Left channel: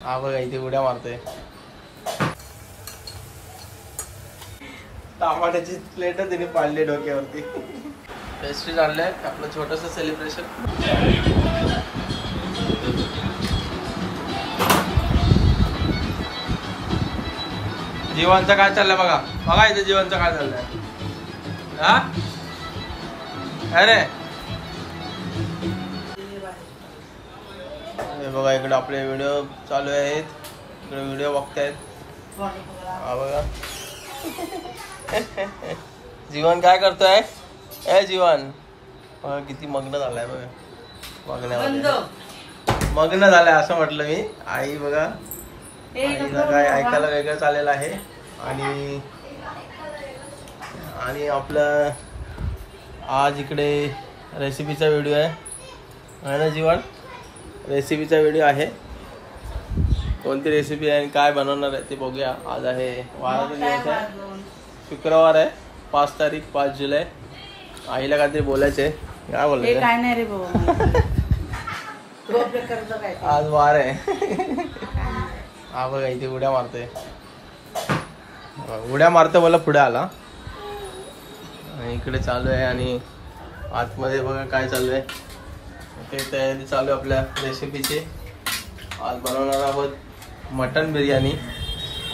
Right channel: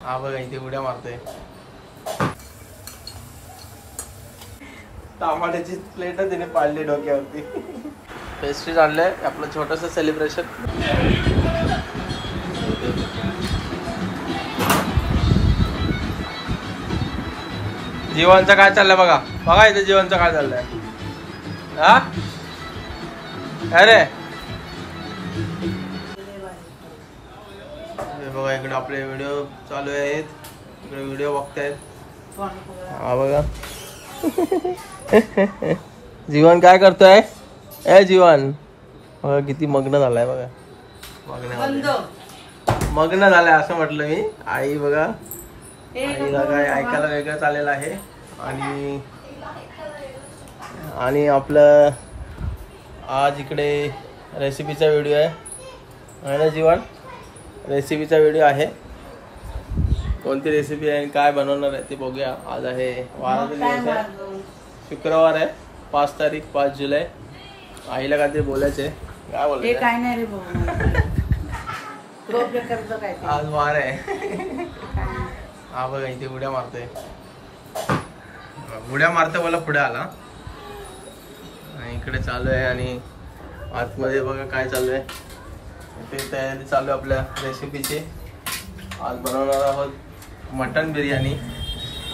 हा बघा इथे उड्या मारतोय. टमाट्याची प्लेट तिने पाडली डोक्यावरती. पेस्ट्री आणलंय आपलं छोटस सेलिब्रेशन. जीवनचं काय चाललंय बघा. बघा इथे जीवनचं काय चाललंय. हा अरे बघा इकडे आपले व्हिडिओ चालू आहेत. इकडे व्हिडिओ बघतायत. हा बघा जीवन काय करतोय. ए जीवन बघा किती मग्न झालाय. बघा बघण्यामध्ये मग्न झालाय असं म्हटलं मी. आई बघा आईला काय ऐकायला वेगळं चाललेलं आहे. आणि आपलं आज इकडे रेसिपीचा व्हिडिओ आहे ना जीवन. रेसिपीचा व्हिडिओ आहे. कोणती रेसिपी आहे आणि काय बनवणार आहे ते बघूया. आज आहे वाराचा दिवस आहे. शुक्रवार आहे 5 तारीख 5 जुलै. आईला काहीतरी बोलायचे. काय नाही रे आज वार आहे. हा बघा इथे उड्या मारतोय. उड्या मारतो मला पुढे आला. आणि इकडे चालू आहे आणि आतमध्ये बघा काय चालू आहे. इथे तयारी चालू आहे आपल्या रेसिपीची. आज बनवणार आहोत मटन बिर्याणी.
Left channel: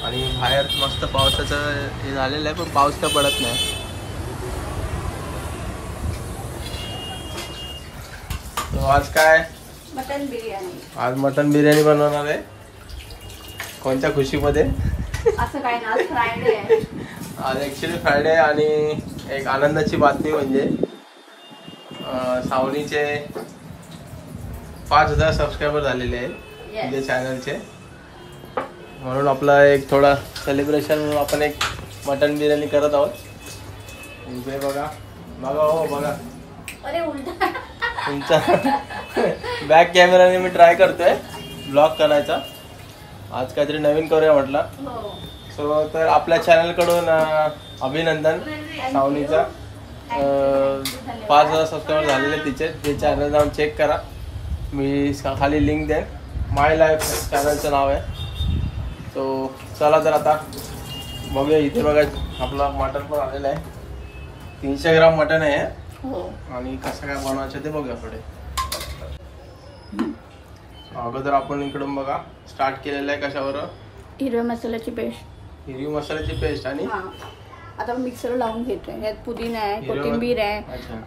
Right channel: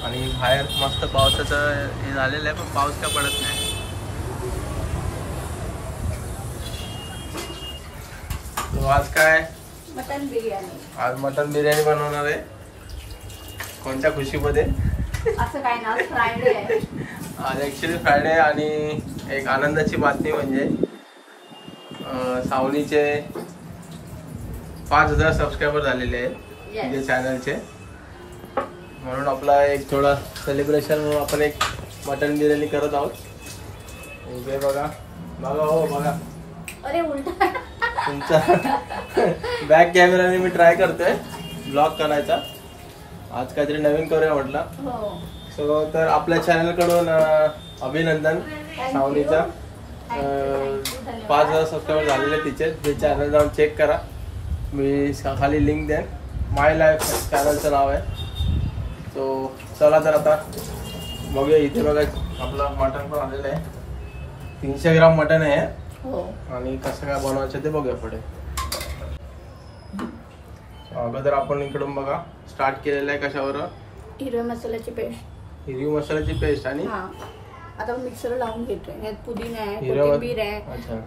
आणि बाहेर मस्त पावसाचं हे झालेलं आहे पण पाऊस काय पडत नाही. तो आज काय मटन बिर्याणी. आज मटन बिर्याणी बनवणार आहे. कोणत्या खुशीमध्ये असं काय ना फ्रायडे आहे. आज ॲक्च्युली फ्रायडे. आणि एक आनंदाची बातमी म्हणजे सावनीचे 5000 सबस्क्रायबर झालेले आहेत तिथे चॅनलचे. म्हणून आपला एक थोडा सेलिब्रेशन म्हणून आपण एक मटन बिर्याणी करत आहोत. इथे बघा बघा हो बघा. अरे उलटा तुमचा बॅक कॅमेराने मी ट्राय करतोय ब्लॉग करायचा. आज काहीतरी नवीन करूया म्हटलं. सो तर आपल्या चॅनलकडून अभिनंदन. सावनीचा 5000 सबस्क्रायबर झालेले तिचे. ते चॅनल जाऊन चेक करा. मी खाली लिंक देईन. माय लाईफ चॅनलचं नाव आहे. सो चला तर आता बघूया. इथे बघा आपलं मटन पण आलेलं आहे. 300 ग्राम मटन आहे. आणि कसं काय बनवायचं ते बघूया पुढे. अगोदर आपण इकडून बघा स्टार्ट केलेलं आहे कशावर. हिरव्या मसाल्याची पेस्ट. हिरवी मसाल्याची पेस्ट. आणि आता मिक्सर लावून घेतोय. यात पुदिना आहे, कोथिंबीर आहे,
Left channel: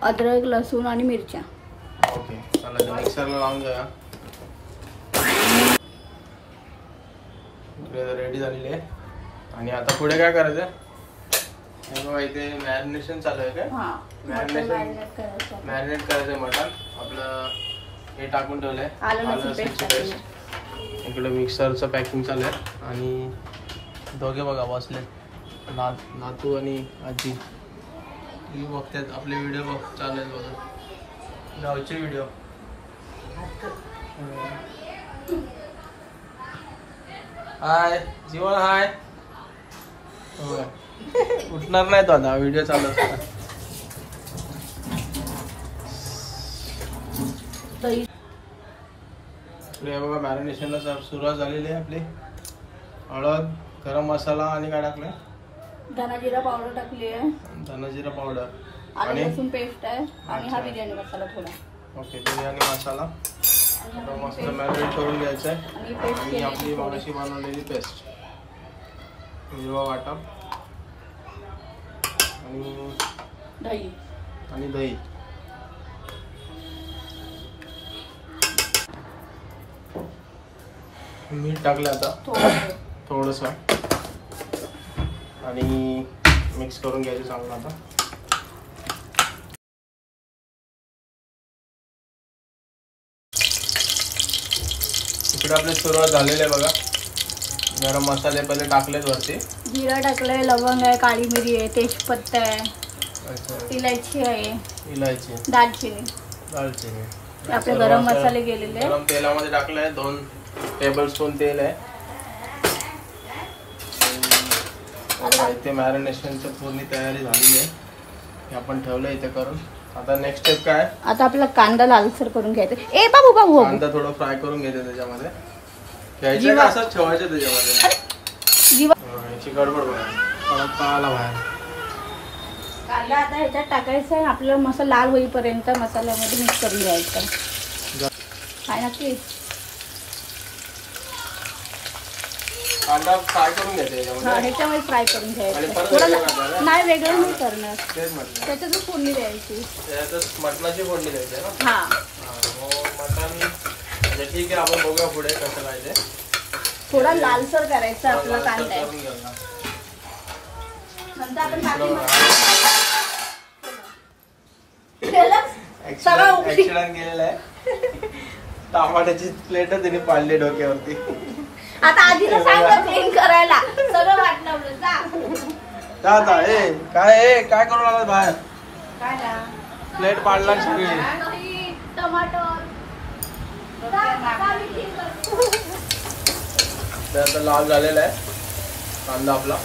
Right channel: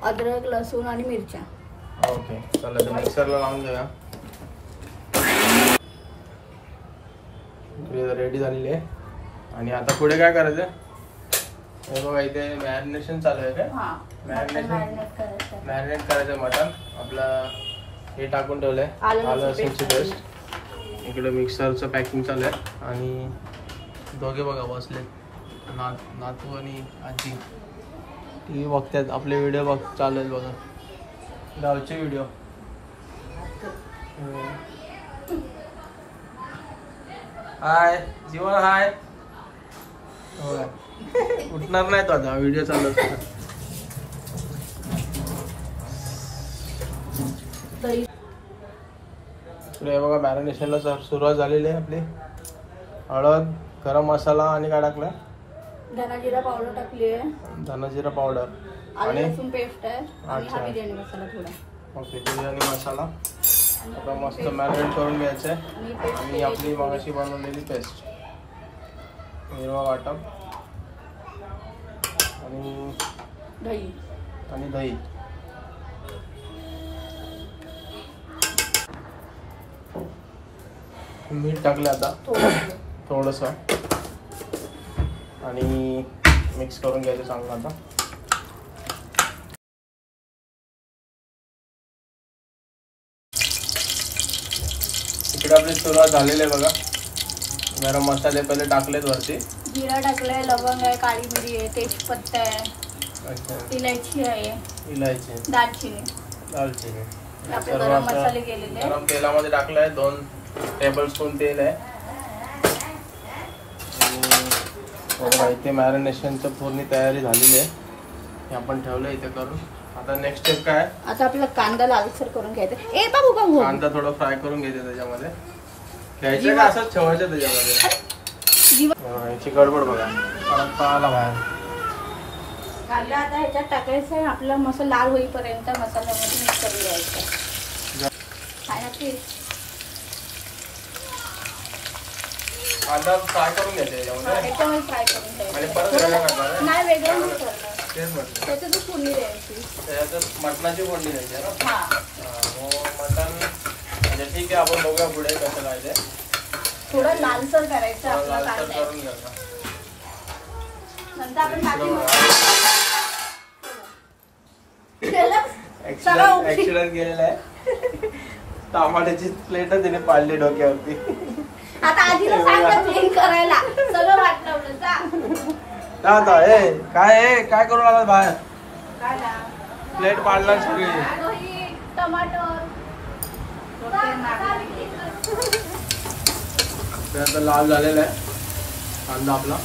अद्रक लसूण आणि मिरच्या. ओके चला तर मिक्सरला लावून घ्या. इकडे रेडी झालेली आहे. आणि आता पुढे काय करायचं. हे बघा इथे मॅरिनेशन चालू आहे. काय मॅरिनेट करायचं मटन. आपलं हे टाकून ठेवलंय आलं लसूणची पेस्ट. इकडे मिक्सरचं पॅकिंग चालू आहे. आणि दोघे बघा बसले नातू आणि आजी. टी व्ही बघतात आपले व्हिडिओ बघ चालेल बघा गावचे व्हिडिओ. हाय जीवन हाय. हो उठणार नाही तो आता व्हिडिओ चालू असतो. हे बघा मॅरिनेशनला सुरुवात झालेली आहे आपली. हळद गरम मसाला आणि काय टाकलं. धना जिरा पावडर टाकली आहे. धना जिरा पावडर आणि लसूण पेस्ट आहे. आणि हा बिर्याणी मसाला थोडा. ओके बिर्याणी मसाला आता मस्त मॅरिनेट करून घ्यायचं आहे. आणि आपली मगाशी बनवलेली पेस्ट हिरवा वाटप आणि दही. मीठ टाकलं आता थोडंसं. आणि मिक्स करून घ्यायचं चांगलं. आता इकडे आपली सुरुवात झालेली आहे बघा. गरम मसाले पहिले टाकलेत वरती. जिरा टाकलंय, लवंग आहे, काळी मिरी आहे, तेजपत्ता आहे, इलायची आहे, दालचिनी. आपले गरम मसाले गेलेले. गरम तेलामध्ये टाकलंय. 2 टेबलस्पून तेल आहे. इथे मॅरिनेशनचं पूर्ण तयारी झालेली आहे. हे आपण ठेवलं इथे करून. आता नेक्स्ट स्टेप काय. आता आपला कांदा लालसर करून घ्यायचा. ए बाबू कांदा थोडं फ्राय करून घ्यायचं त्याच्यामध्ये. घ्यायचं का असंच ठेवायचं त्याच्यामध्ये? याची गडबड बघा, परत पाहाला बाहेर. कांदा आता ह्याच्यात टाकायचं आहे. आपल्याला मसाला लाल होईपर्यंत मसाल्यामध्ये मिक्स करून घ्यायचं. काय नक्की कांदा फ्राय करून घ्यायचा ह्याच्यामध्ये फ्राय करून घ्यायचं. नाही वेगळं नाही करणार, त्याच्यातच फोडणी द्यायची. मटणाची फोडणी द्यायची ना? हा मटण म्हणजे ठीक आहे, आपण बघूया पुढे कसं काय ते. थोडा लालसर करायचा आपला कांदा. नंतर आपण ऍक्सिडेंट गेलेला आहे. टमाट्याची प्लेट तिने पाडली डोक्यावरती. आता आजीला सांग क्लीन करायला, सगळं वाटलं जा. आता ए काय करू लागला बाहेर? काय प्लेट पाडला सगळी. टमाटर लाल झालेला आहे कांदा आपला.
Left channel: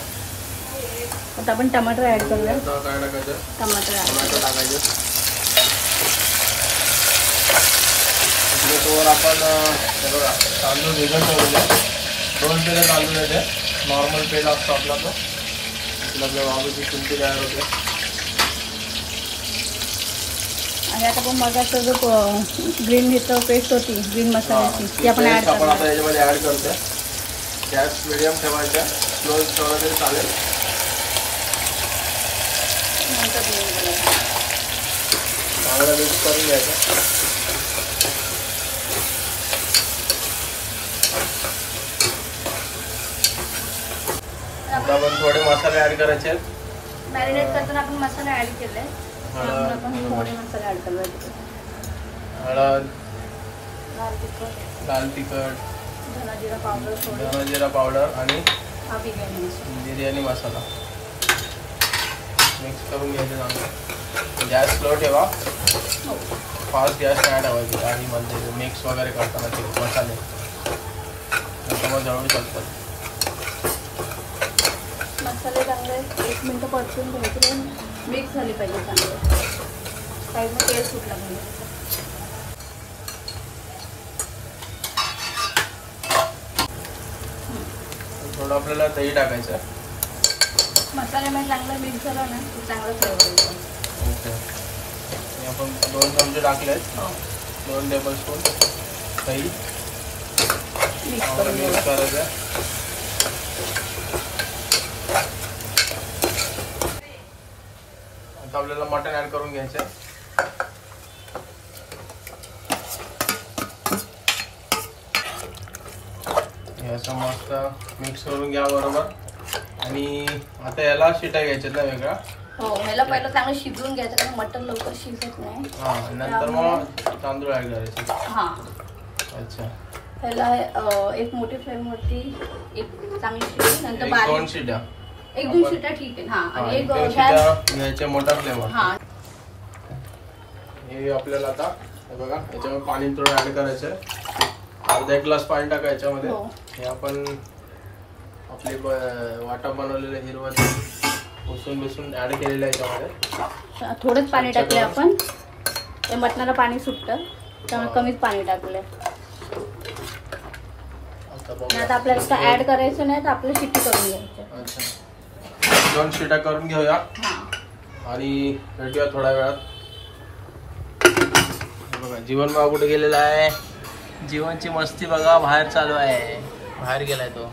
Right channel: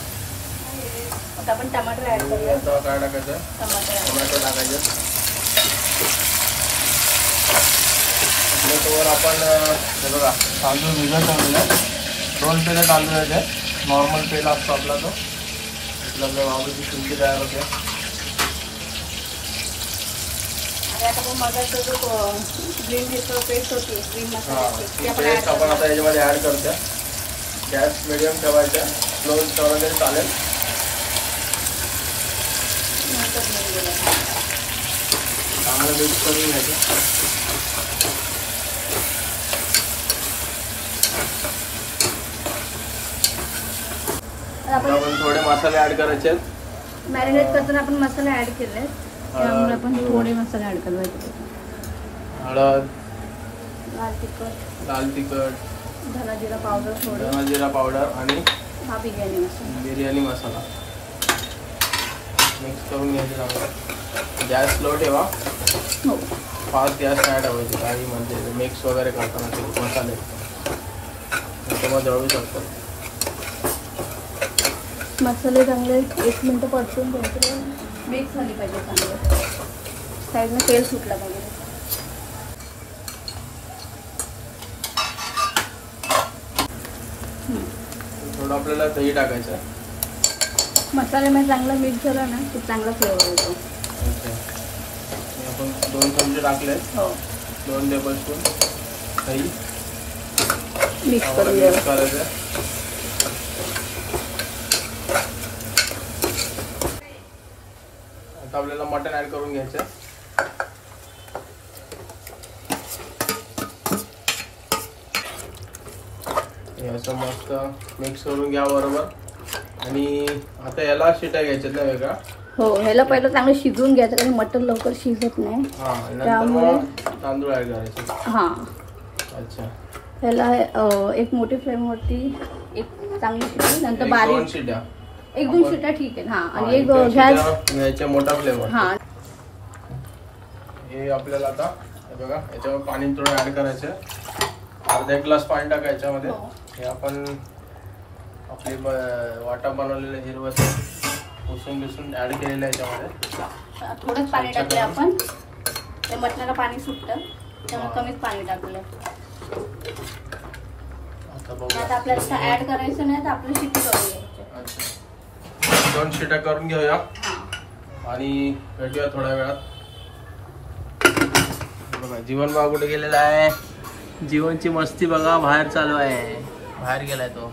आपण टमाटर ऍड करूया. काय टाकायचं? टमाटर टाकायचं. आपण हे बघा तांदूळ भिजत ठेवलेला आहे. 2 पेले तांदूळ येते. नॉर्मल पेला असतो आपला तो. आपल्या बाबूची चुंटी तयार होते. आणि आता आपण मगाचा जो ग्रीन मिरची पेस्ट होती, ग्रीन मसाल्याची, आपण आता याच्यामध्ये ऍड करतो. गॅस मिडियम ठेवायचा, स्लो ठेवला तरी चालेल. मिक्स करून घ्यायचं. आपण थोडे मसाले ऍड करायचे. मॅरिनेट करताना आपण मसाले ऍड केले, आपण थोडे मसाले ऍड करू. हळद, लाल तिखट, धना जिरा पावडर आणि बिर्याणी मसाला मिक्स करून घ्यायचं. गॅस स्लो ठेवा, फास्ट गॅस नाही ठेवायची. आणि म्हणते मिक्स वगैरे करताना ते मसाले त्याच्यामुळे जळू शकतात. मसाले चांगले 1 मिनिट परतून घ्यायचे, मिक्स झाले पाहिजे चांगले, साईडला तेल सुटलं पाहिजे. थोडं आपल्याला दही टाकायचं. मसाल्यामध्ये चांगलं मिक्स झालं ना खूप चांगला फ्लेवर येतो. ओके, आपण 2 चमचे टाकले. 2 टेबलस्पून दही मिक्स करायचं. आता आपल्याला मटण ऍड करून घ्यायचं. असं मस्त मिक्स करून घ्या बरोबर. आणि आता याला शिट्या घ्यायच्यात ना वेगळा? हो, ह्याला पहिलं चांगलं शिजवून घ्यायचं कारण मटण लवकर शिजत नाही. नंतर मग तांदूळ ऍड करायचे. हा अच्छा, ह्याला एक मोठी फ्लेम वरती एक चांगली शिट्टी, नंतर बारीक 2 शिट्या, 1-2 शिट्या ठीक आहे. हा, आणि एक घ्यायचे मोठा फ्लेवर. हा, हे आपल्याला आता हे बघा याच्यामध्ये पाणी थोडं ऍड करायचं. अर्धा 1 ग्लास पाणी टाका याच्यामध्ये. हे आपण आपली वाटा बनवलेले हिरवं पुसून बिसून ऍड केलेलं आहे याच्यामध्ये. थोडंच पाणी टाकले आपण, त्या मटणाला पाणी सुटतं त्यामुळे कमीच पाणी टाकले. आता आपल्याला ऍड करायचं नाही तर आपल्याला शिट्टी करून घ्यायची. अच्छा, 2 शिट्या करून घेऊया आणि भेटूया थोड्या वेळात. बघा जीवन भाऊ कुठे गेलेला आहे? जीवनची मस्ती बघा बाहेर चालू आहे. बाहेर गेलाय तो.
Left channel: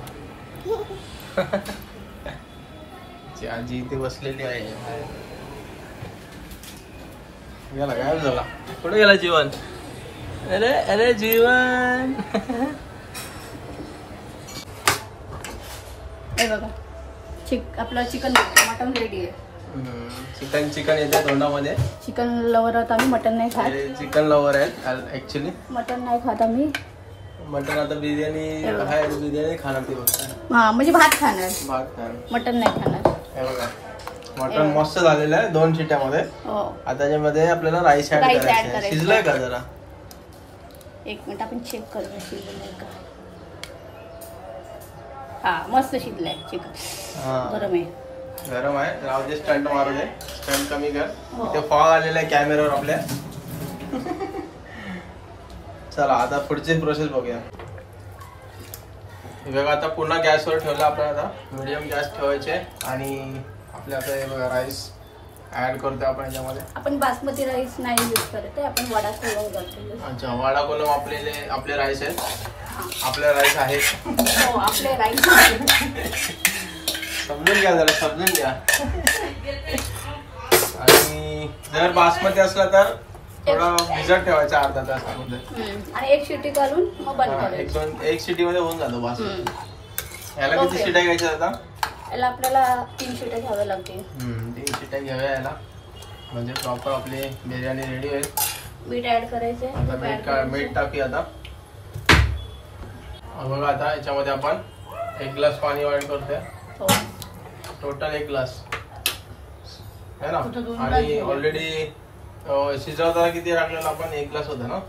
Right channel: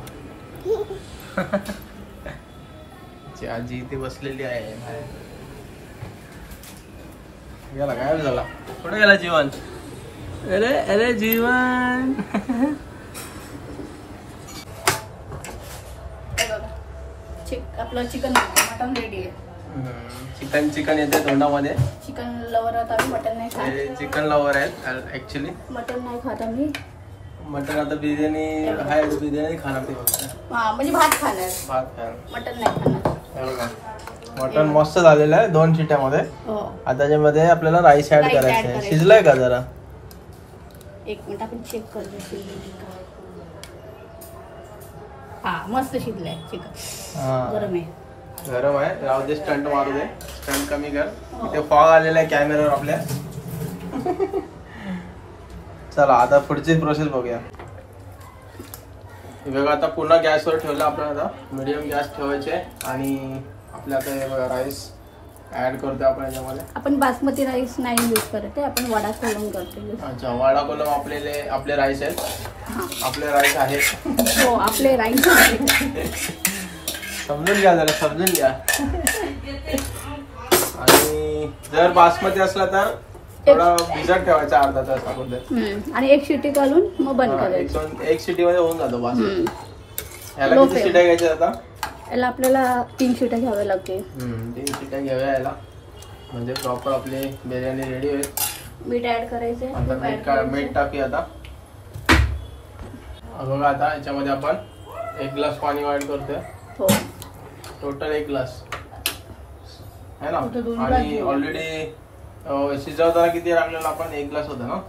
आजी इथे बसलेली आहे. गेला, गायब झाला. कुठे गेला जीवन? अरे अरे जीवन. आपलं चिकन मटन रेडी आहे. चिकन येते तोंडामध्ये. चिकन लवरात आम्ही मटन नाही खात. चिकन लवर आहेत ऍक्च्युली. मटन नाही खात आम्ही. मटन आता बिर्याणी खाणार ते फक्त. हा, म्हणजे भात खाणार, मटन नाही खाणार. हे बघा मटन मस्त झालेलं आहे 2 शिट्यामध्ये. आता त्याच्यामध्ये आपल्याला राईस ऍड करायचं आहे. शिजलाय का जरा? 1 मिनिट आपण चेक करूया शिजलंय का. हा, मस्त शिजलंय चिकन. गरम आहे. राहू दे, स्टंट मारू दे. स्टंट कमी कर. इथे फॉग आलेला आहे कॅमेरावर आपल्या. चला आता पुढची प्रोसेस बघूया. बघा आता पुन्हा गॅसवर ठेवलं आपल्याला. मीडियम गॅस ठेवायचे आणि आपल्या आता हे बघा राईस ऍड करतो आपण याच्यामध्ये. आपण बासमती राईस नाही यूज करते, आपण वडा कोलम करतो. अच्छा, वडा कोलम आपले राईस आहेत. आपले राईस आहेत. हो, आपले राईस समजून घ्या जरा, समजून घ्या. आणि जर बासमती असला तर थोडा भिजत ठेवायचा अर्धा तास अगोदर आणि एक शिटी घालून मग बंद करायचं. एक शिटी मध्ये होऊन जातो बासमती. याला किती शिट्या घ्यायच्या आता? याला आपल्याला 3 शिट्या घ्याव्या लागतील. 3 शिट्या घ्याव्या याला, म्हणजे प्रॉपर आपली बिर्याणी रेडी होईल. मीठ ऍड करायचे. आता मीठ टाकूया आता. बघा आता याच्यामध्ये आपण 1 ग्लास पाणी ऍड करतोय. टोटल 1 ग्लास है ना. आणि ऑलरेडी शिजवताना किती लागलेला आपण? 1 ग्लास होता ना.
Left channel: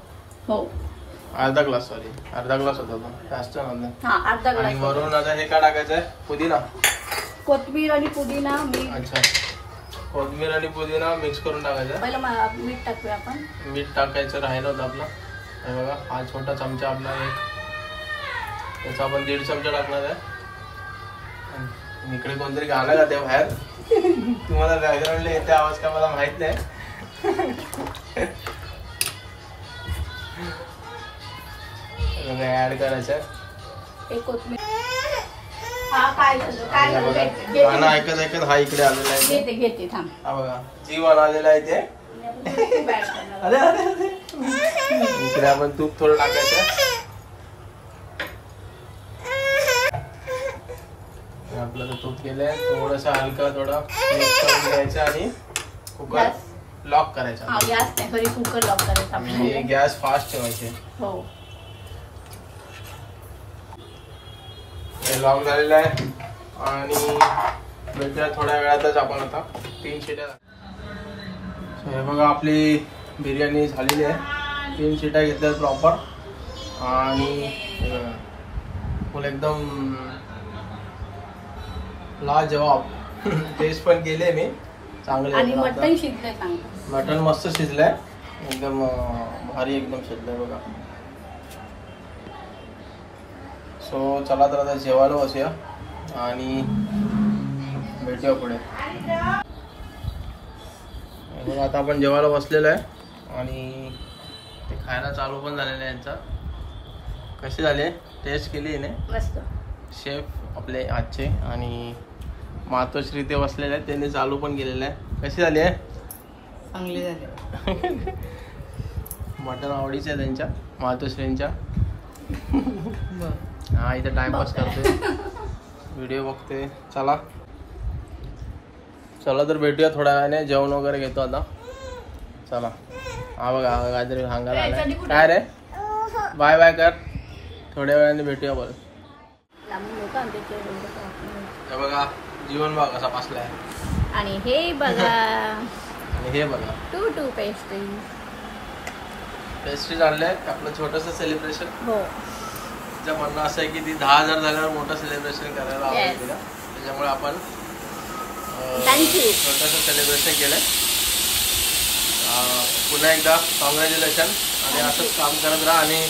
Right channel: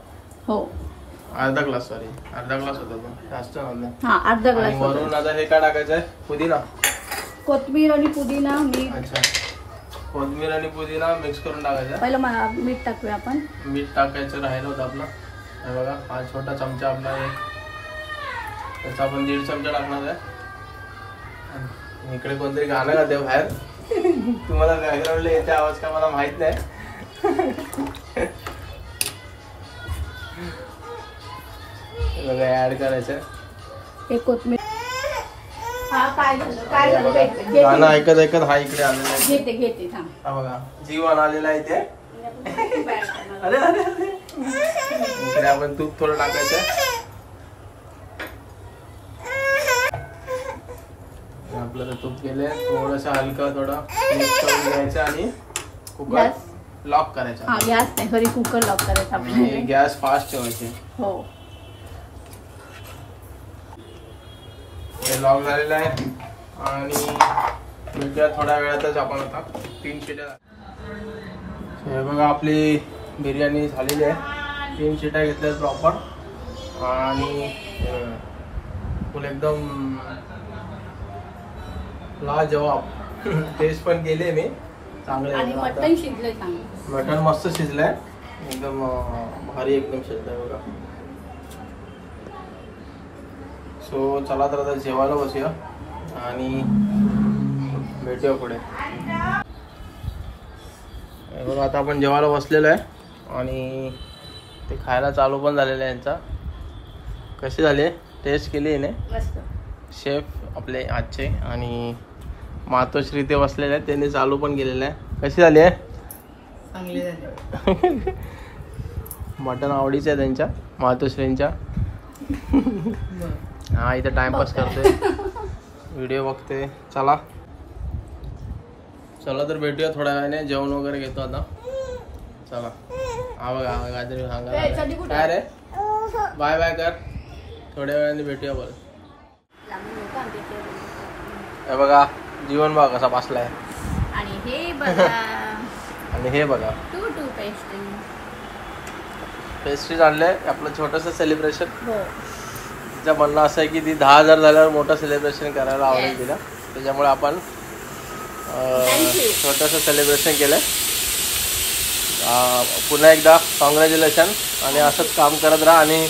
हो, अर्धा ग्लास होता तो, जास्त नव्हता. आणि वरून आता हे काय टाकायचंय? पुदिना, कोथिंबीर आणि पुदिना. अच्छा, कोथिंबीर आणि पुदिना मिक्स करून टाकायचं. पहिलं मीठ टाकूया आपण. मीठ टाकायचं राहिलं होतं आपलं. हे बघा, हा छोटा चमचा आपला एक, त्याचा आपण 1.5 चमचा टाकणार आहे. इकडे कोणतरी गाणं गाते बाहेर. तुम्हाला बॅकग्राऊंडला येते आवाज का मला माहित नाही. ऍड करायचं. एक कोथिंबीर. गाणं ऐकत ऐकत हा इकडे आलेला आहे. घेते थांब. हा बघा, जीवन आलेला आहे ते. अरे अरे अरे, इकडे आपण तूप थोडं टाकायचं. आपलं तूप गेलंय, थोडस हलकं थोडं मिक्स करून घ्यायचं आणि कुकर लॉक करायचा. गॅस नाही, घरी कुकर लॉक करायचा. आणि गॅस फास्ट ठेवायचे. हो, हे लॉक झालेलं आहे. आणि भेटूया थोड्या वेळातच आपण आता 3 शिट्या. हे बघा, आपली बिर्याणी झालेली आहे. 3 शिट्या घेतल्या प्रॉपर. आणि फुल एकदम लाजवाब टेस्ट पण केले मी चांगले. आणि मटण शिजलंय चांगलं. मटण मस्त शिजलंय, एकदम भारी एकदम शिजलंय बघा. सो चला तर आता जेवायला बसूया आणि भेटूया पुढे. बघा, आता आपण जेवायला बसलेलो आहे आणि ते खायला चालू पण झालेलं आहे. यांचा कशी झाली, टेस्ट केली आहे मस्त. शेफ आपले आजचे आणि मातोश्री ते बसलेले आहेत, त्यांनी चालू पण केलेलं आहे. कशी झाली आहे? चांगली झाली. मटण आवडीचं आहे त्यांच्या, मातोश्रींच्या. हा, इथं टाइमपास करते, व्हिडिओ बघते. चला तर भेटूया थोड्या वेळाने. जेवण वगैरे घेतो आता. चला. हा बघा, काहीतरी सांगा. काय रे, बाय बाय कर. थोड्या वेळाने भेटूया बरं. हे बघा, जीवन बघा कसा बसलाय. आणि हे बघा आणि हे बघा, टू पेस्ट्रीज आणलंय. आपलं छोटंसं सेलिब्रेशन. हो, तिचं म्हणणं असं आहे की ती 10,000 झाल्यावर मोठं सेलिब्रेशन करायला आवडेल तिला. त्याच्यामुळे आपण छोटंसं सेलिब्रेशन केलंय. पुन्हा एकदा कॉंग्रॅच्युलेशन. आणि असंच काम करत राहा. आणि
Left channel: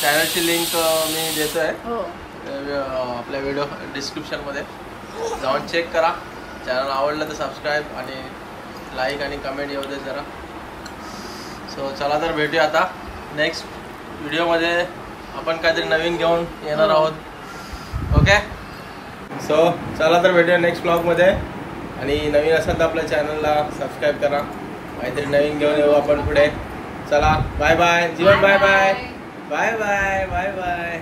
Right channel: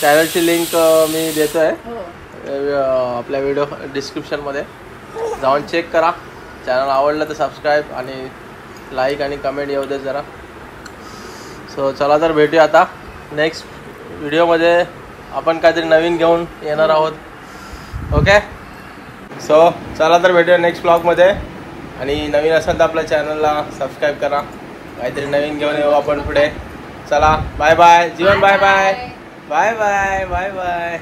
चॅनलची लिंक मी देतोय आपल्या व्हिडिओ डिस्क्रिप्शनमध्ये, जाऊन चेक करा. चॅनल आवडलं तर सबस्क्राईब आणि लाईक आणि कमेंट येऊ दे जरा. सो चला तर भेटूया आता नेक्स्ट व्हिडिओमध्ये. आपण काहीतरी नवीन घेऊन येणार आहोत. ओके, सो चला तर भेटूया नेक्स्ट ब्लॉगमध्ये. आणि नवीन असाल तर आपल्या चॅनलला सबस्क्राईब करा. काहीतरी नवीन घेऊन येऊ आपण पुढे. चला, bye bye Jeevan. Bye bye bye bye bye bye.